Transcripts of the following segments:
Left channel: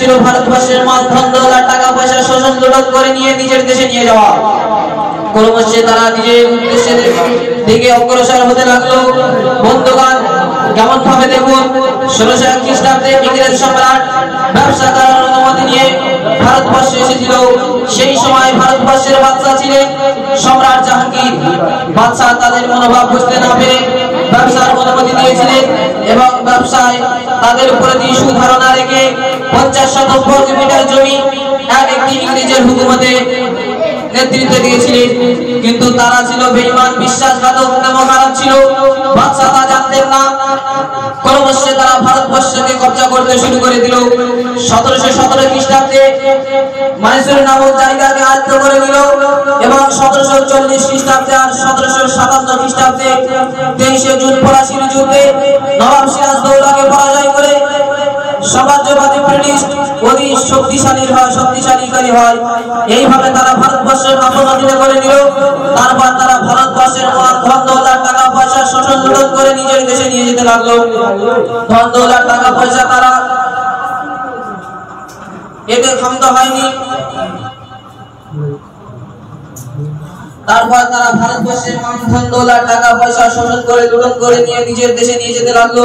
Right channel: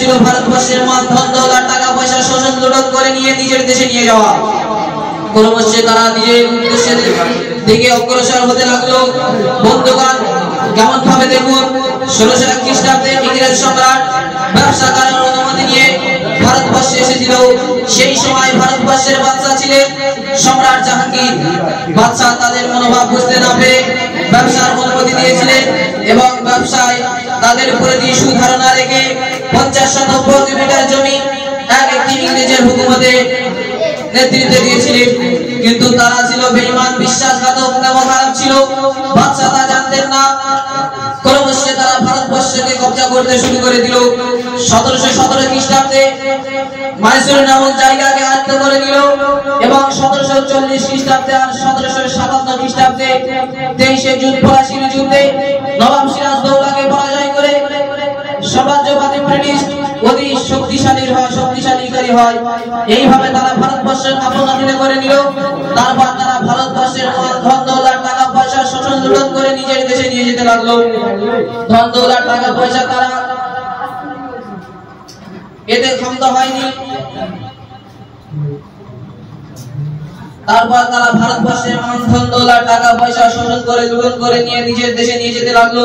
ছিল ভারতবর্ষের মাল ধন দৌলত টাকা পয়সা শোষণ লুণ্ঠন করে নিয়ে নিজের দেশে নিয়ে যাওয়া। ক্রমশ তারা নিজের উদ্দেশ্যের দিকে অগ্রসর হতে লাগলো। বন্ধুগণ, কেমন ভাবে দেখুন, 1601 খ্রিস্টাব্দে ইংরেজ সম্রাট ব্যবসা করার অনুমতি নিয়ে ভারতবর্ষে এসেছিল। সেই সময় ভারতবর্ষের বাদশা ছিলেন সম্রাট জাহাঙ্গীর। বাদশা তাদের মনোভাব বুঝতে না পেরে ব্যবসার অনুমতি দিয়েছিলেন এবং ব্যবসায় তাদের প্রতি সুধারণা রেখে 50 বর্গ মিটার জমি একটি ইংরেজের হুকুমতে নেতৃত্বে দিয়েছিলেন। কিন্তু তারা ছিল বেঈমান, বিশ্বাসঘাতক এবং খারাপ ছিল। বাদশা তা জানতেন না। ক্রমশ তারা ভারতবর্ষকে কব্জা করতে শুরু করে দিল। 1717 খ্রিস্টাব্দে মাইসুর নামক জায়গাকে আয়ত্ত করে দিল এবং 1740 খ্রিস্টাব্দে আর 1757 খ্রিস্টাব্দে 23 জুন পলাশীর যুদ্ধে নবাব সিরাজদৌল্লাকে পরাজয় করে সাম্রাজ্যবাদী ব্রিটিশ অতি শক্তিশালী হয়। এইভাবে তারা ভারতবর্ষের আপন অধীনে করে নিল। তারপর তারা ভারতবর্ষের ধন দৌলত টাকা পয়সা শোষণ লুণ্ঠন করে নিজের দেশে নিয়ে যেতে লাগলো। ধন দৌলত টাকা পয়সা তারা এতে ক্ষমতা হয়নি। তারপর তারা ভারতবর্ষের ধন দৌলত টাকা পয়সা শোষণ করে লুণ্ঠন করে নিয়ে নিজের দেশে নিয়ে যেতে লাগলো।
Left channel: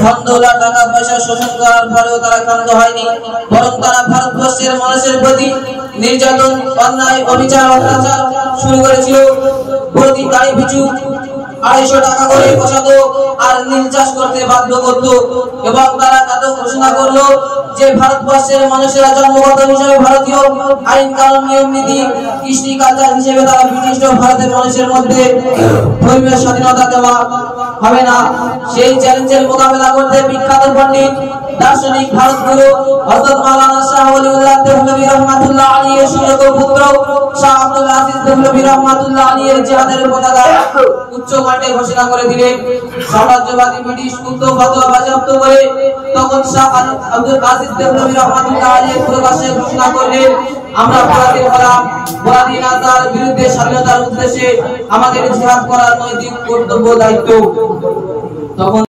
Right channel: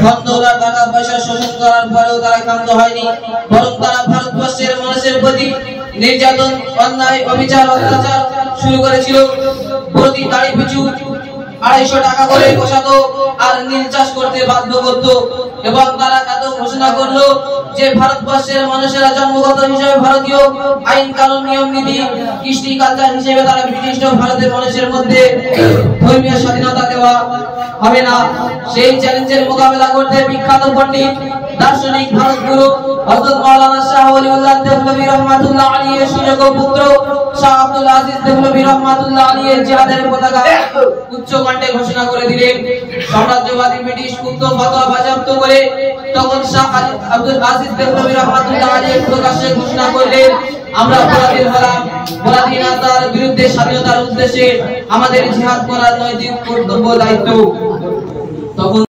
ধন দৌলত টাকা পয়সা শোষণ করার পরেও তারা ক্ষান্ত হয়নি, বরং তারা ভারতবর্ষের মানুষের প্রতি নির্যাতন, অন্যায়, অবিচার, অত্যাচার শুরু করেছিল। প্রতি গাড়ি পিছু 250 টাকা করে বসাতো আর নীল চাষ করতে বাধ্য করত। এবং তারা এত ঘোষণা করলো যে ভারতবর্ষের মানুষেরা জন্মগত হিসেবে ভারতীয়, আইন কানুন নিয়ম নীতি কৃষ্টি কালচার হিসেবে তারা ব্রিটিশ ভারতের মানুষের মধ্যে ধর্মীয় স্বাধীনতা দেওয়া হবে না। সেই চ্যালেঞ্জের মোকাবেলা করতে বিখ্যাত পণ্ডিত দার্শনিক ভারতগুরু হযরত মাওলানা শাহ ওলিউল্লাহ দেহলভী রহমাতুল্লাহ আলাইহির সুযোগ্য পুত্র শাহ আব্দুল আজিজ দেহলভী রহমাতুল্লাহ আলাইহির জিহাদের পতাকা উচ্চ কণ্ঠে ঘোষণা করে দিলেন। সাম্রাজ্যবাদী ব্রিটিশ উক্ত ফতোয়া বাজেয়াপ্ত করে তখন শাহ আব্দুল আজিজ দেহলভী রহমাতুল্লাহ আলাইহি প্রকাশ্যে ঘোষণা করলেন, আমরা পরাধীন হলাম, পরাধীনতার বিরুদ্ধে স্বাধীনতার উদ্দেশ্যে আমাদের জিহাদ করার নৈতিক কর্তব্য দায়িত্ব। তখন